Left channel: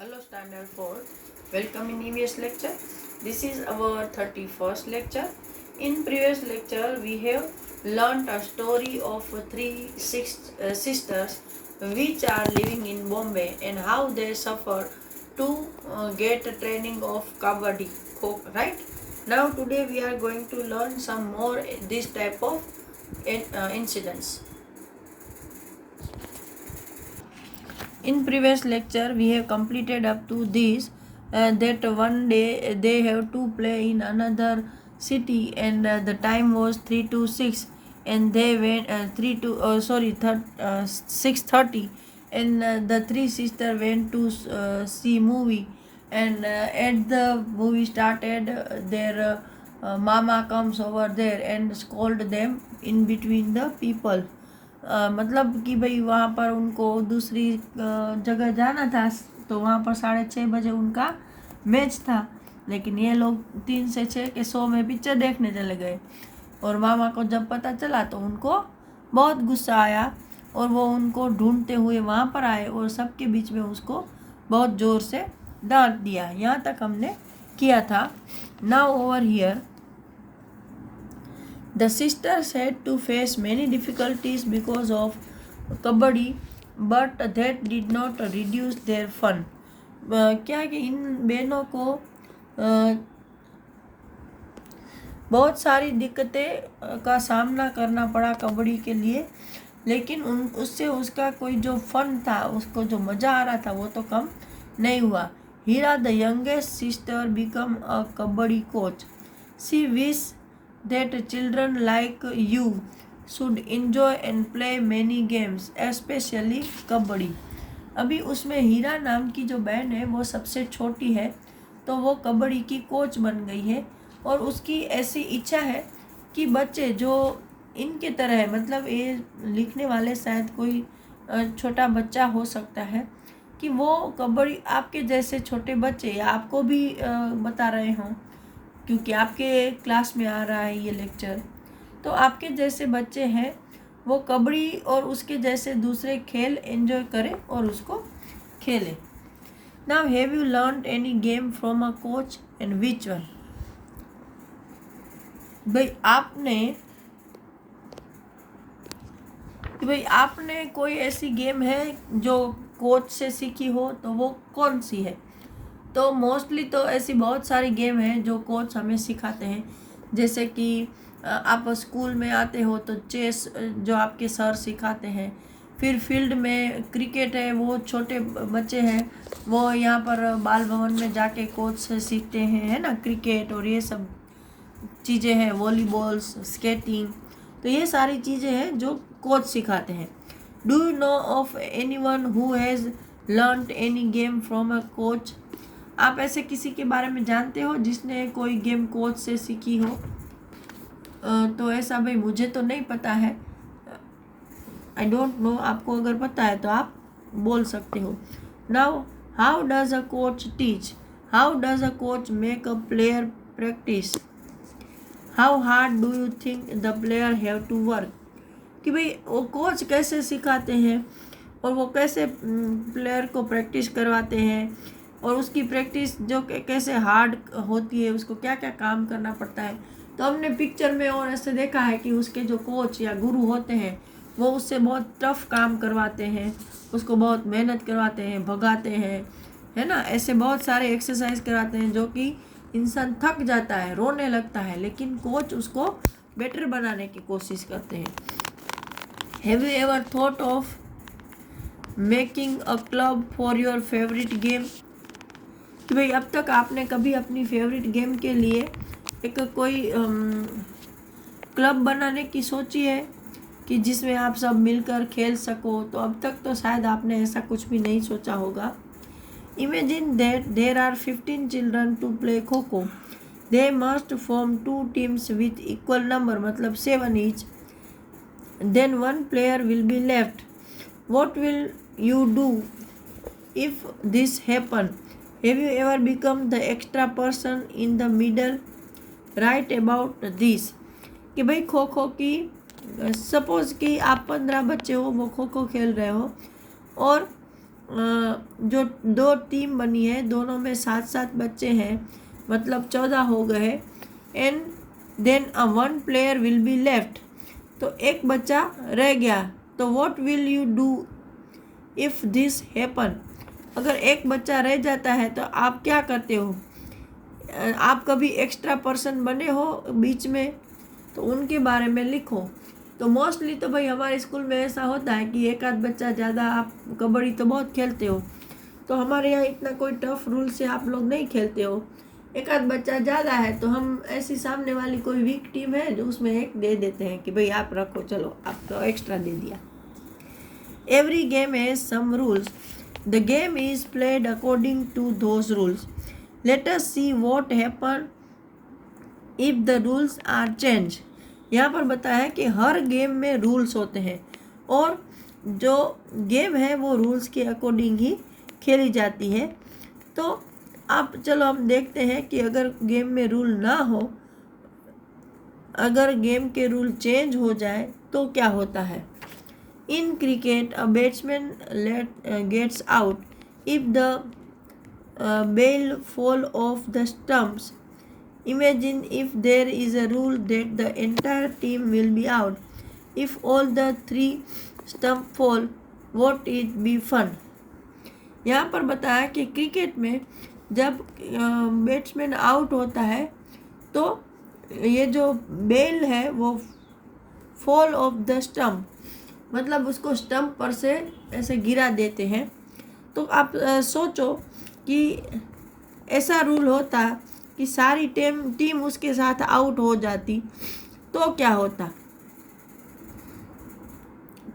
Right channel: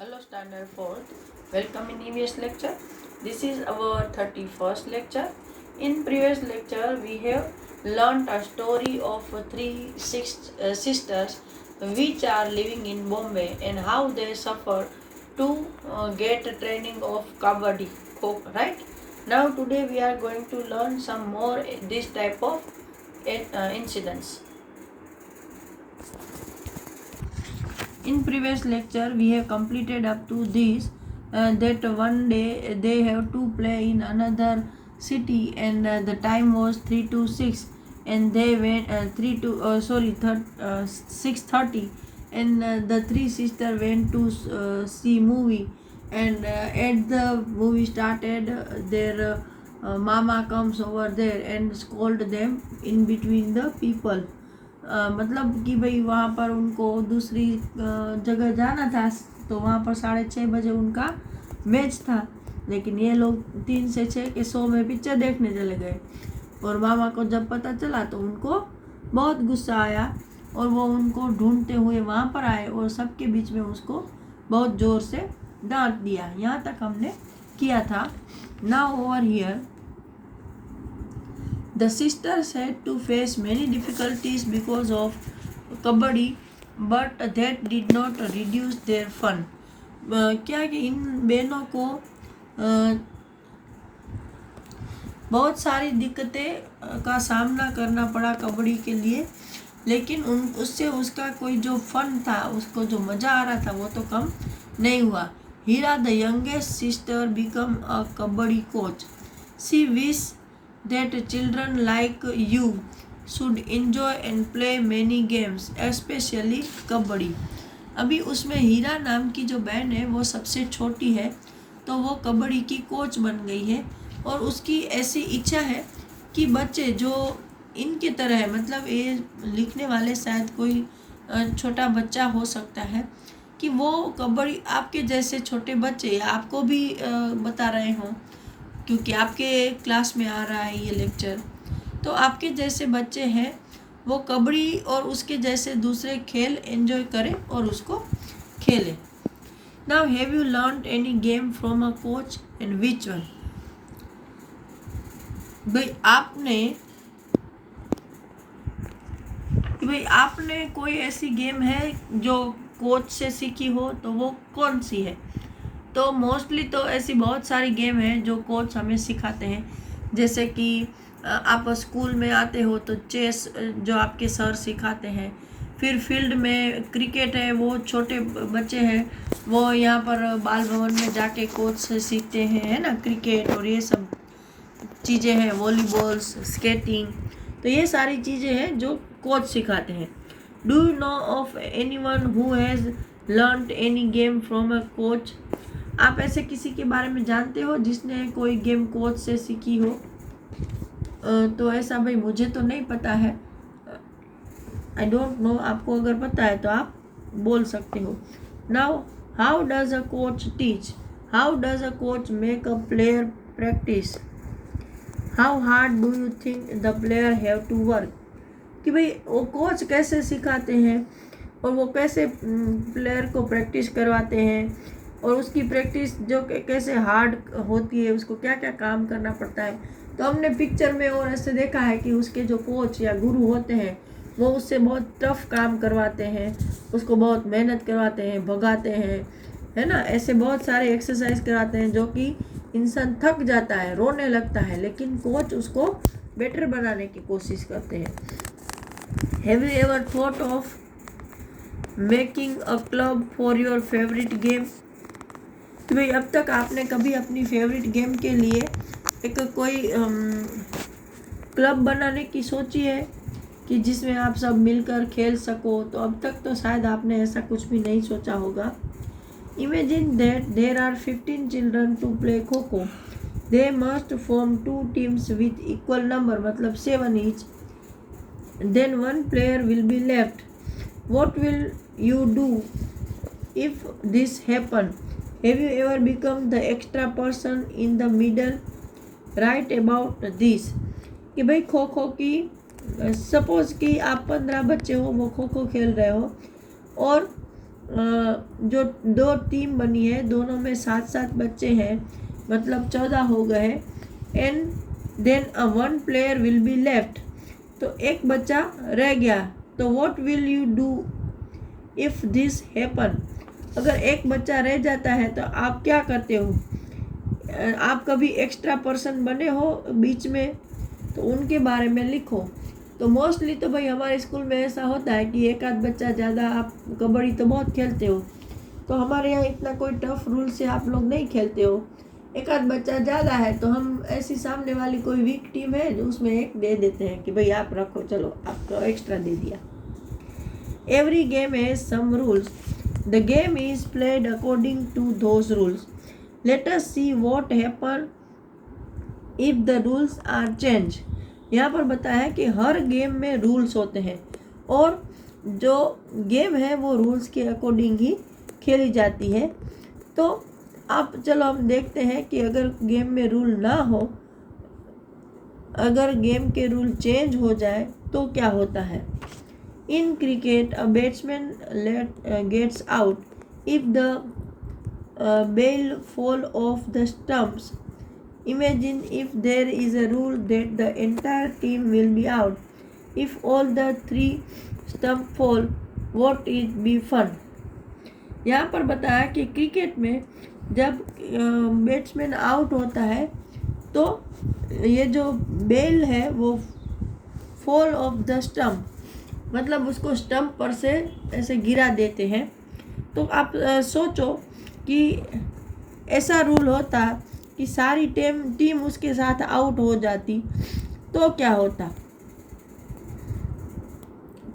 Hello Standard 4th, welcome in EVS lecture. This is our 31st lecture. In previous lecture we have learnt a story of three sisters which are living in Bombay and how they suffer to get training of kabaddi, right? Now today we are going to learn some more this type of incidents. In previous lecture we have completed up to this that one day they have to play in another city and the time was 3 to 6 and they went 6:30 and the three sisters went to see movie and at the movie started their mama comes over there and scold them in between the people. मतलब कि भाई वहाँ पर उनको दूसरी जगह जाना था तो वहाँ पर 6:30 बजे उनका मैच था, लेकिन ये लोग 3 से 6 के शो में पिक्चर देखने चले गए और मामा को जब पता चला तो उनको बहुत गुस्सा आया और वो उनको ढूंढते हुए वहाँ पर आए और सबके बीच में उसको बहुत ज़ोर से डांट दिया। यहाँ तक हमने किया था। Now over here the sisters had to face many difficulties because of kabaddi, but that did not reduce their fun. क्या कि इन बहनों को बहुत सारी दिक्कतें का सामना करना पड़ा कबड्डी के लिए, लेकिन उससे उसका कोई जो फन था, उसको जो मज़ा आ रहा था वो तो कम नहीं हुआ। Heera the youngest sister become a kabaddi coach. She wish that children like you should enjoy and play many games, especially kabaddi. अभी उसमें हीरा नाम की जो बहन है वो सबसे छोटी है, तो वो कबड्डी की कोच बन गई है और उसकी ऐसी इच्छा है कि बच्चे जो इनके तरह है, मतलब ये लिखने वाले शायद कोई छोटा बच्चा हो सकता है कि वो कबड्डी आपके जैसे छोटे बच्चे या आपको भी बता रहे हों, क्योंकि आपके क्लास में आ रहा है ये लेक्चर, तो आपके जैसे बच्चे हैं वो कबड्डी और उसके जैसे दूसरे खेल एंजॉय करें और उसको खेलें. Now have you learn any game from a coach and which one. भाई आपने कोई ऐसी गेम है जो कोच से सीखी हो तो वो कौन सी है. तो मोस्टली तो ऐसी बहुत सारी गेम हैं जो कोच हमें सिखाते हैं, जैसे कि आप स्कूल में आते हो तो चेस जो आपके सर सिखाते हैं, फिर फील्ड में क्रिकेट है, वो छोटे बच्चे हैं वो यहाँ पर बाल भवन में जाके कोच से सीखते हैं, है ना, क्रिकेट और ये सब चीज़ें हैं, वॉलीबॉल, स्केटिंग, तो ये सारी चीज़ें हैं जो कोच सिखाते हैं. Do you know of anyone who has learned any game from a coach. आप ऐसे किसी के बारे में जानते हो जिसने कोई गेम कोच से सीखी हो. तो ऐसा भाई मुझे तो नहीं पता है, आई डोंट नो. आपको अगर पता है तो आप बोल सकते हो. Now how does a coach teach. How does a coach make a player practice. How hard do you think the player have to work. कि भाई वो कोच कैसे सिखाते हैं और वो कैसे प्लेयर को प्रैक्टिस करवाते हैं और उसकी प्रैक्टिस जो कैसे हार्ड होती है, उसको क्या क्या काम करना पड़ता है. तो हमने पिक्चर में और ऐसे देखा है कि उसके जो कोच या गुरु होते हैं वो उससे बहुत टफ काम करवाते हैं, उसको बहुत मेहनत करवाते हैं, भगाते हैं, है ना, ऐसे बहुत सारे एक्सरसाइज कराते हैं जो कि इंसान थक जाता है, रोने लगता है, लेकिन कोच उसको बेटर बनाने की कोशिश करते हैं. Have you ever thought of making a club for your favourite game. कि भाई अब तक आपने कभी अपनी फेवरेट गेम के लिए एक कोई क्लब बनाने की सोची है कि जिसमें आप सब मिलकर खेल सको. तो अब तक तो शायद आपने ऐसा कुछ भी नहीं सोचा होगा. Imagine that there are 15 children to play kho kho. They must form 2 teams with equal number, मतलब 7 each. Then 1 player will be left. What will you do if this happen. Have you ever become the extra person in the middle? Write about this. कि भाई खो खो की suppose कि आप 15 बच्चे हो, वो खो खो खेल रहे हो और जो 2 टीम बनी है, दोनों में 7-7 बच्चे हैं, मतलब 14 हो गए। And then one player will be left, तो एक बच्चा रह गया। तो what will you do if this happen, अगर एक बच्चा रह जाता है तो आप क्या करते हो? आप कभी एक्स्ट्रा पर्सन बने हो बीच में, तो उनके बारे में लिखो। तो मोस्टली तो भाई हमारे स्कूल में ऐसा होता है कि एक आध बच्चा ज़्यादा, आप कबड्डी तो बहुत खेलते हो, तो हमारे यहाँ इतना कोई टफ रूल से आप लोग नहीं खेलते हो। एक आध बच्चा ज़्यादा है तो हम ऐसी सामने वाली कोई वीक टीम है जो उसमें एक दे देते हैं कि भाई आप रखो, चलो आपको एक्स्ट्रा दे दिया। Every game has some rules, the game is played according to those rules, let us see what happen if the rules are change. यहाँ पर बताया है कि हर गेम में रूल्स होते हैं और जो गेम है वो रूल्स के अकॉर्डिंग ही खेली जाती है। तो आप चलो हम देखते हैं कि अगर गेम में रूल ना हो, अगर गेम के रूल चेंज हो जाए तो क्या होता है। In cricket a batsman gets out if the bail fall off the stumps. Imagine if there is a rule that the entire team will be out. If all the 3 stumps fall, what it be fun? यहाँ पर बताया कि cricket में जब batsman out होता है तो ये जो बेल है वो फॉल ऑफ द स्टम्प, मतलब उसको स्टम्प पर से ऐसे गिरा देते हैं। तो आप सोचो कि ऐसा रूल होता कि सारी टीम उसके साथ आउट हो जाती तो क्या होता।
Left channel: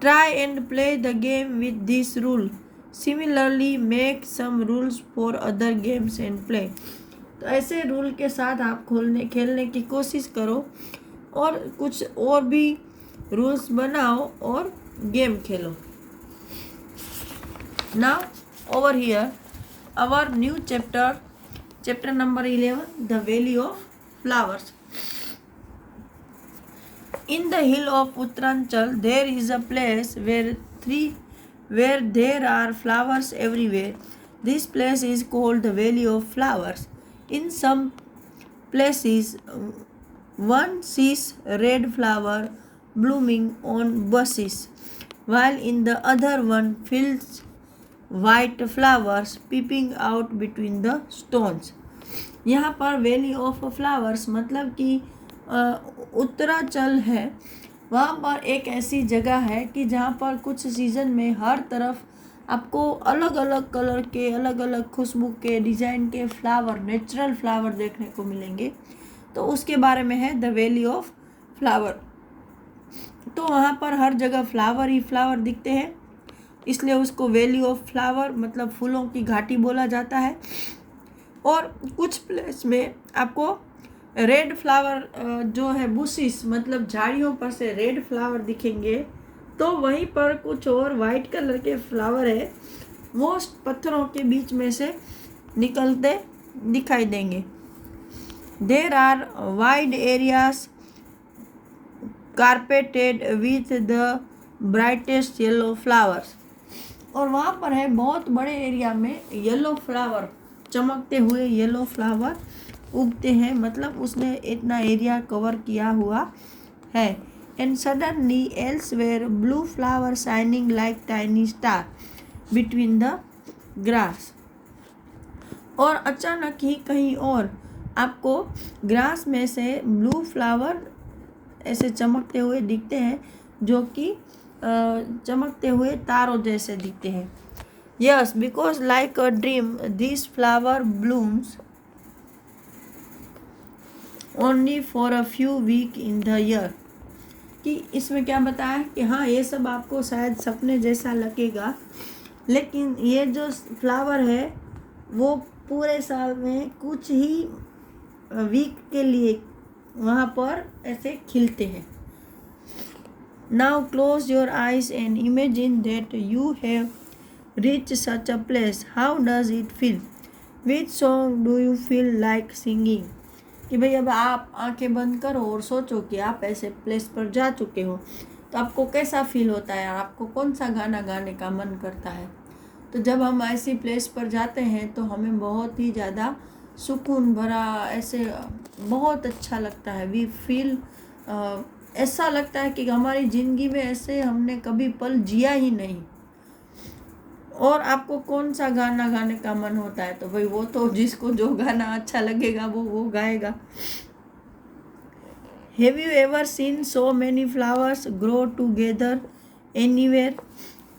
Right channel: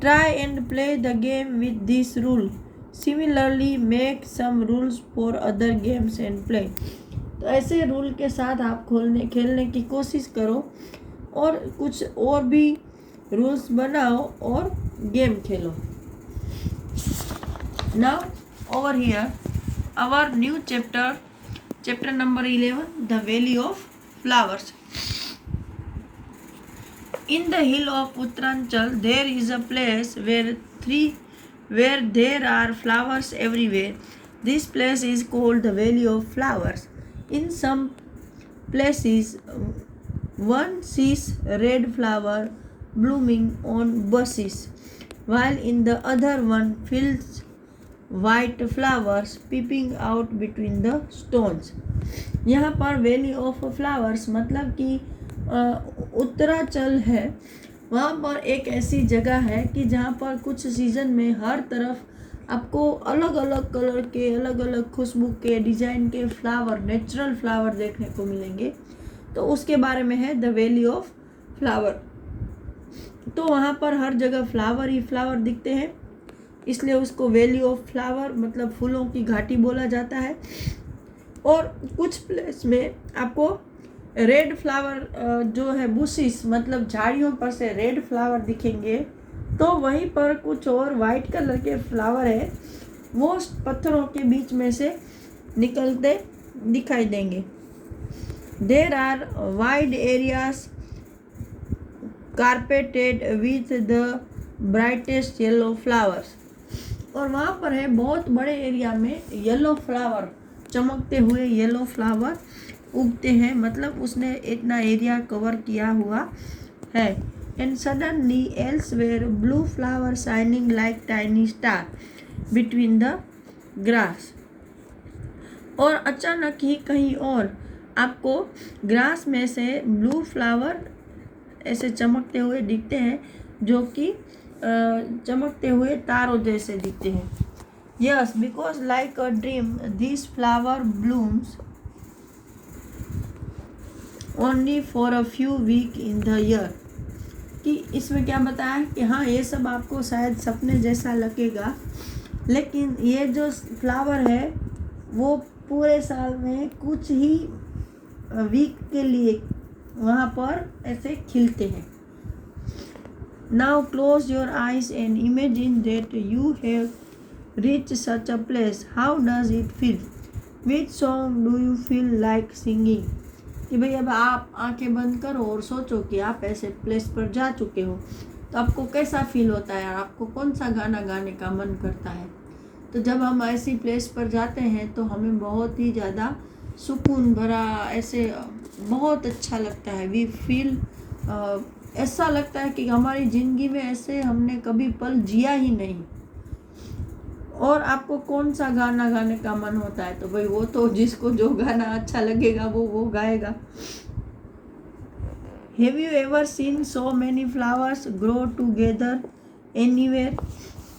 Try and play the game with this rule, similarly make some rules for other games and play. तो ऐसे रूल के साथ आप खेलने की कोशिश करो और कुछ और भी रूल्स बनाओ और गेम खेलो। Now over here our new Chapter number 11, The Valley of Flowers. In the hill of Uttaranchal, there is a place where there are flowers everywhere. This place is called the Valley of Flowers. In some places, one sees red flower blooming on bushes, while in the other one feels white flowers peeping out between the stones. यहाँ पर valley of flowers मतलब कि उत्तरांचल है, वहाँ पर एक ऐसी जगह है कि जहाँ पर कुछ सीज़न में हर तरफ आपको अलग अलग कलर के, अलग अलग खुशबू के, डिज़ाइन के फ्लावर, नेचुरल फ्लावर देखने को मिलेंगे। तो उसके बारे में है द वैली ऑफ फ्लावर। तो वहाँ पर हर जगह फ्लावर ही फ्लावर दिखते हैं, इसलिए उसको वैली ऑफ फ्लावर मतलब फूलों की घाटी बोला जाता है। और कुछ प्लेस में आपको रेड फ्लावर जो है बुशिस मतलब झाड़ियों पर से रेड फ्लावर दिखेंगे, तो वहीं पर कुछ और वाइट कलर के फ्लावर है वो पत्थरों के बीच में से निकलते दिखाई देंगे। There are wide areas carpeted with the brightest yellow flowers, और वहाँ पर है बहुत बड़े एरिया में येलो फ्लावर, चमकते हुए येलो फ्लावर उगते हैं, मतलब उसने इतना एरिया कवर किया हुआ है। And suddenly elsewhere blue flower shining like tiny star between the grass, और अचानक ही कहीं और आपको ग्रास में से ब्लू फ्लावर ऐसे चमकते हुए दिखते हैं जो कि चमकते हुए तारों जैसे दिखते हैं। Yes, because like a dream this flower blooms only for a few week in the year. कि इसमें क्या बताया कि हाँ ये सब आपको शायद सपने जैसा लगेगा, लेकिन ये जो फ्लावर है वो पूरे साल में कुछ ही वीक के लिए वहाँ पर ऐसे खिलते हैं। Now close your eyes and imagine that you have reached such a place. How does it feel? Which song do you feel like singing? कि भाई अब आप आंखें बंद करो और सोचो कि आप ऐसे प्लेस पर जा चुके हो, तो आपको कैसा फील होता है, आपको कौन सा गाना गाने का मन करता है। तो जब हम ऐसी प्लेस पर जाते हैं तो हमें बहुत ही ज़्यादा सुकून भरा ऐसे बहुत अच्छा लगता है। वी फील ऐसा लगता है कि हमारी ज़िंदगी में ऐसे हमने कभी पल जिया ही नहीं। और आपको कौन सा गाना गाने का मन होता है? तो भाई वो तो जिसको जो गाना अच्छा लगेगा वो गाएगा। Have you ever seen so many flowers grow together anywhere?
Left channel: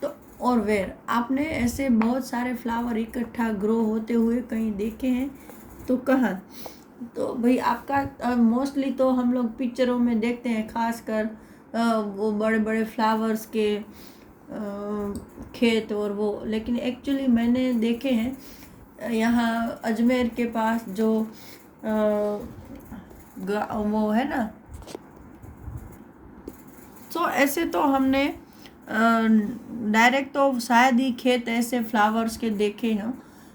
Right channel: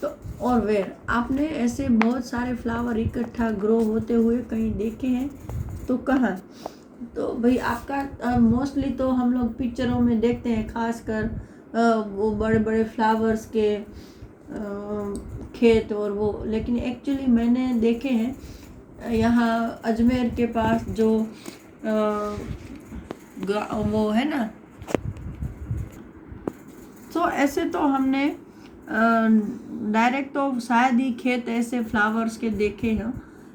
तो और वेयर, आपने ऐसे बहुत सारे फ्लावर इकट्ठा ग्रो होते हुए कहीं देखे हैं? तो कहाँ? तो भाई आपका मोस्टली तो हम लोग पिक्चरों में देखते हैं, खासकर वो बड़े बड़े फ्लावर्स के खेत और वो, लेकिन एक्चुअली मैंने देखे हैं यहाँ अजमेर के पास जो वो है ना। तो ऐसे तो हमने डायरेक्ट तो शायद ही खेत ऐसे फ्लावर्स के देखे हैं,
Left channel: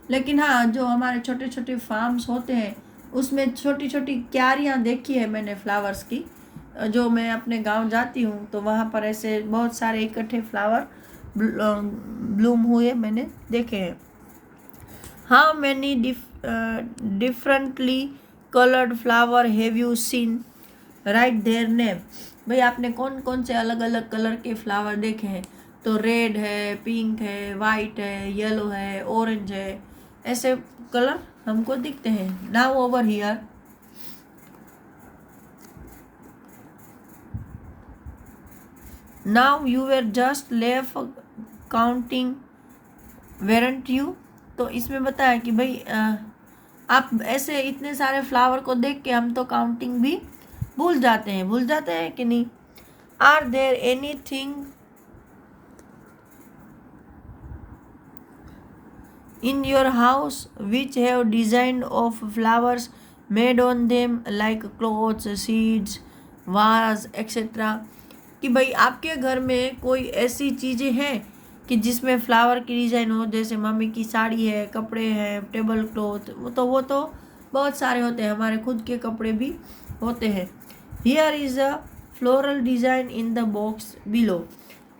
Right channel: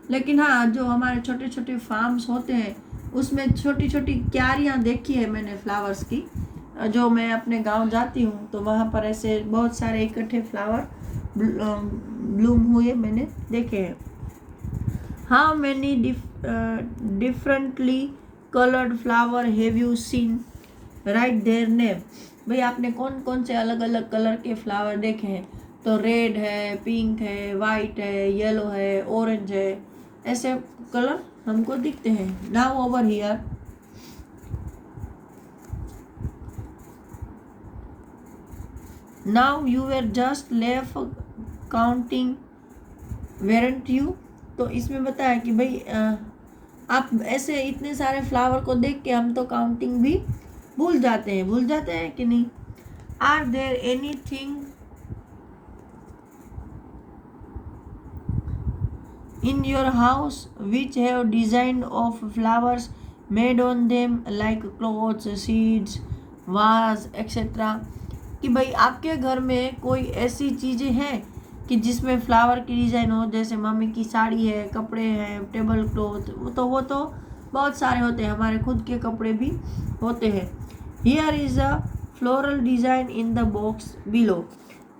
लेकिन हाँ जो हमारे छोटे छोटे फार्म्स होते हैं उसमें छोटी छोटी क्यारियाँ देखी है मैंने फ्लावर्स की। जो मैं अपने गांव जाती हूँ तो वहाँ पर ऐसे बहुत सारे इकट्ठे फ्लावर ब्लूम हुए मैंने देखे हैं। How many differently coloured flower have you seen? Right their name. भाई आपने कौन कौन से अलग अलग कलर के फ्लावर देखे हैं? तो रेड है, पिंक है, वाइट है, येलो है, ऑरेंज है, ऐसे कलर हमको दिखते हैं। Now over here, now you were just left counting वेरेंट you? तो इसमें बताया कि भाई आप ऐसे इतने सारे फ्लावर को देख के हम तो काउंटिंग भी भूल जाते हैं कि नहीं? Are there anything in your house which have design of flowers made on them like clothes, seeds, vase etcetera? कि भाई आपके घर में कोई ऐसी चीज़ें हैं कि जिसमें फ्लावर की डिज़ाइन हो, जैसे मम्मी की साड़ी है, कपड़े हैं, टेबल क्लॉथ, वो तो बहुत सारे होते हैं, हमारे खुद के कपड़े भी होते हैं। Here is a floral design in the box below.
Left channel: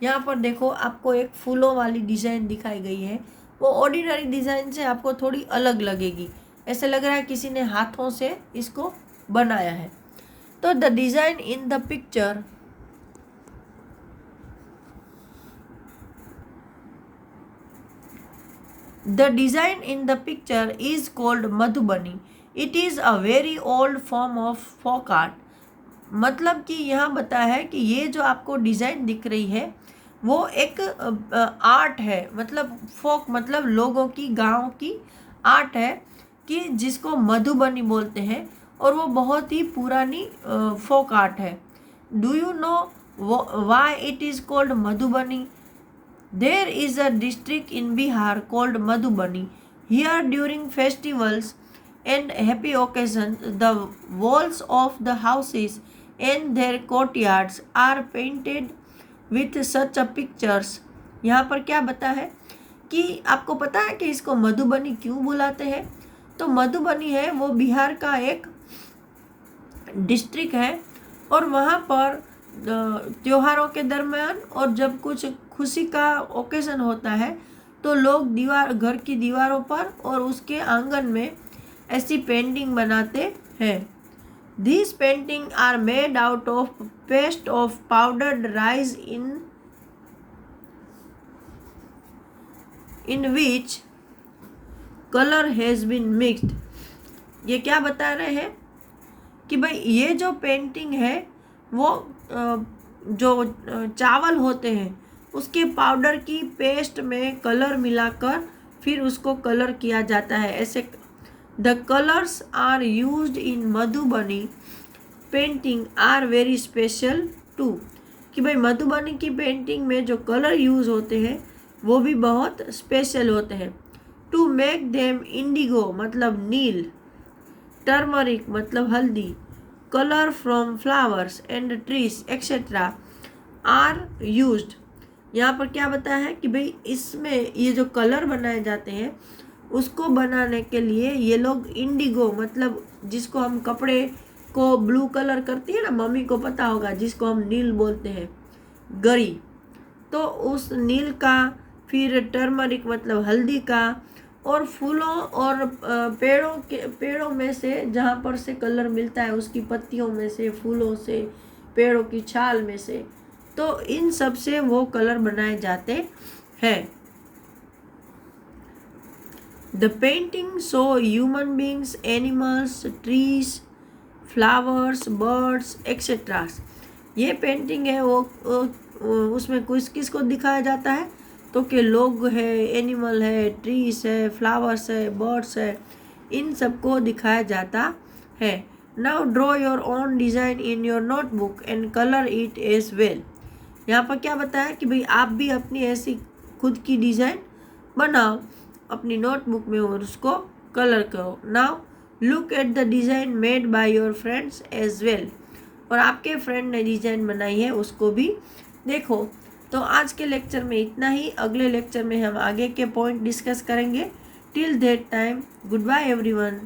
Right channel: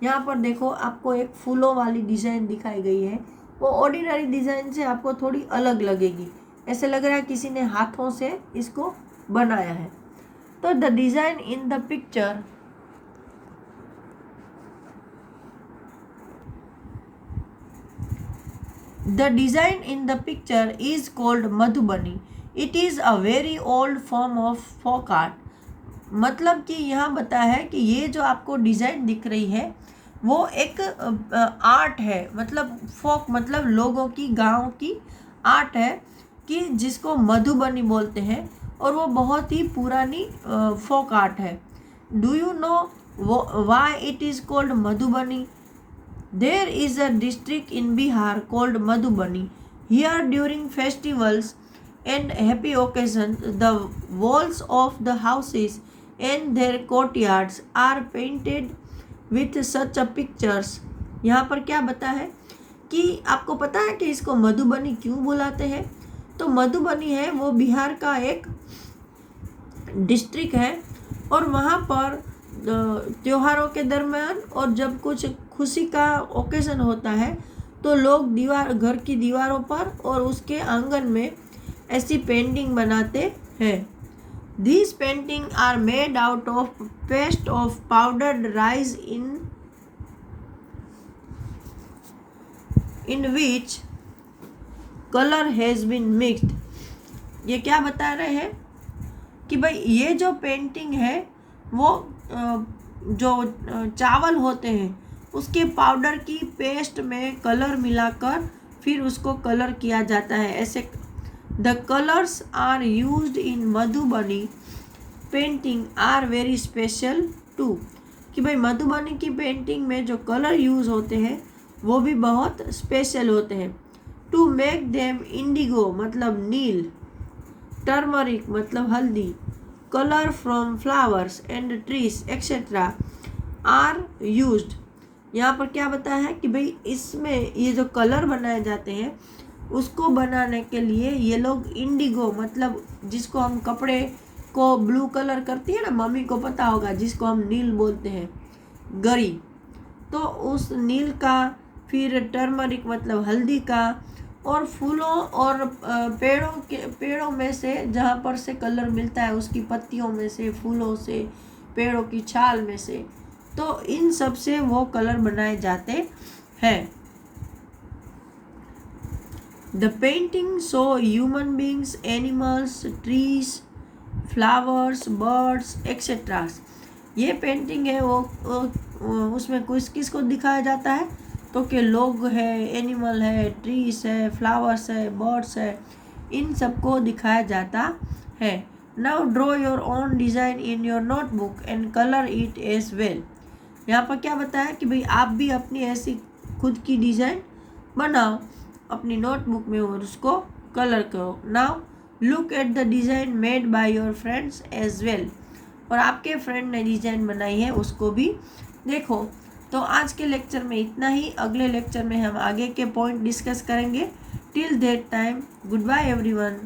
यहाँ पर देखो आपको एक फूलों वाली डिज़ाइन दिखाई गई है। वो ऑर्डिनरी डिज़ाइन से आपको थोड़ी अलग लगेगी, ऐसे लग रहा है किसी ने हाथों से इसको बनाया है। तो the design in the picture The design in the picture is called Madhubani. It is a very old form of folk art. मतलब कि यहाँ बताया है कि ये जो आपको डिज़ाइन दिख रही है वो एक आर्ट है, मतलब फोक मतलब लोगों की, गांव की आर्ट है कि जिसको मधुबनी बोलते हैं, और वो बहुत ही पुरानी फोक आर्ट है। Do you know why it is called Madhubani? There is a district in Bihar called Madhubani. Here during festivals and happy occasions, the walls of the houses and their courtyards are painted with such a pictures. यहाँ पर क्या बता है कि आपको पता है कि इसको मधुबनी क्यों बुलाते हैं? तो मधुबनी है वो बिहार का एक डिस्ट्रिक्ट है, और वहाँ पर त्योहारों के दरमियान और जब कुछ खुशी का ओकेजन होता है तो लोग घर की दीवारों पर और उसके आंगन में ऐसी पेंटिंग बनाते हैं। These painting are made out of paste of powdered rice in which colour has been mixed. ये क्या बता रहे हैं कि भाई ये जो पेंटिंग है वो जो चावल होते हैं उसके पाउडर की पेस्ट में कलर मिलाकर फिर उसको कलर किया जाता है। ऐसे the colours are used in Madhubani painting are very special too. कि भाई मधुबनी की पेंटिंग में जो कलर यूज़ होते हैं वो भी बहुत स्पेशल होते हैं। टू मेक देम इंडिगो मतलब नील, टर्मरिक मतलब हल्दी, colour from flowers and trees etcetera are used. यहाँ पर क्या बताया है कि भाई इसमें ये जो कलर बनाए जाते हैं उसको बनाने के लिए ये लोग इंडिगो मतलब जिसको हम कपड़े को ब्लू कलर करती है ना, मम्मी को पता होगा, जिसको हम नील बोलते हैं, गरी, तो उस नील का फिर टर्मरिक मतलब हल्दी का, और फूलों और पेड़ों में से जहाँ पर से कलर मिलता है, उसकी पत्तियों में से, फूलों से, पेड़ों की छाल में से, तो इन सब से वो कलर बनाए जाते हैं। The painting show human beings, animals, trees, flowers, birds etcetera. ये पेंटिंग है वो उसमें किसको दिखाया जाता है, तो कि लोग है, एनिमल है, ट्रीज है, फ्लावर्स है, बर्ड्स है, इन सबको दिखाया जाता है। Now draw your own design in your notebook and colour it as well. यहाँ पर क्या बताया कि भाई आप भी अपनी ऐसी खुद की डिज़ाइन बनाओ अपनी नोटबुक में और उसको कलर करो। Now look at the design made by your friends as well. और आपके फ्रेंड ने डिज़ाइन बनाई है उसको भी देखो। तो आज के लेक्चर में इतना ही। अगले लेक्चर में हम आगे के पॉइंट डिस्कस करेंगे। Till that time, goodbye everyone.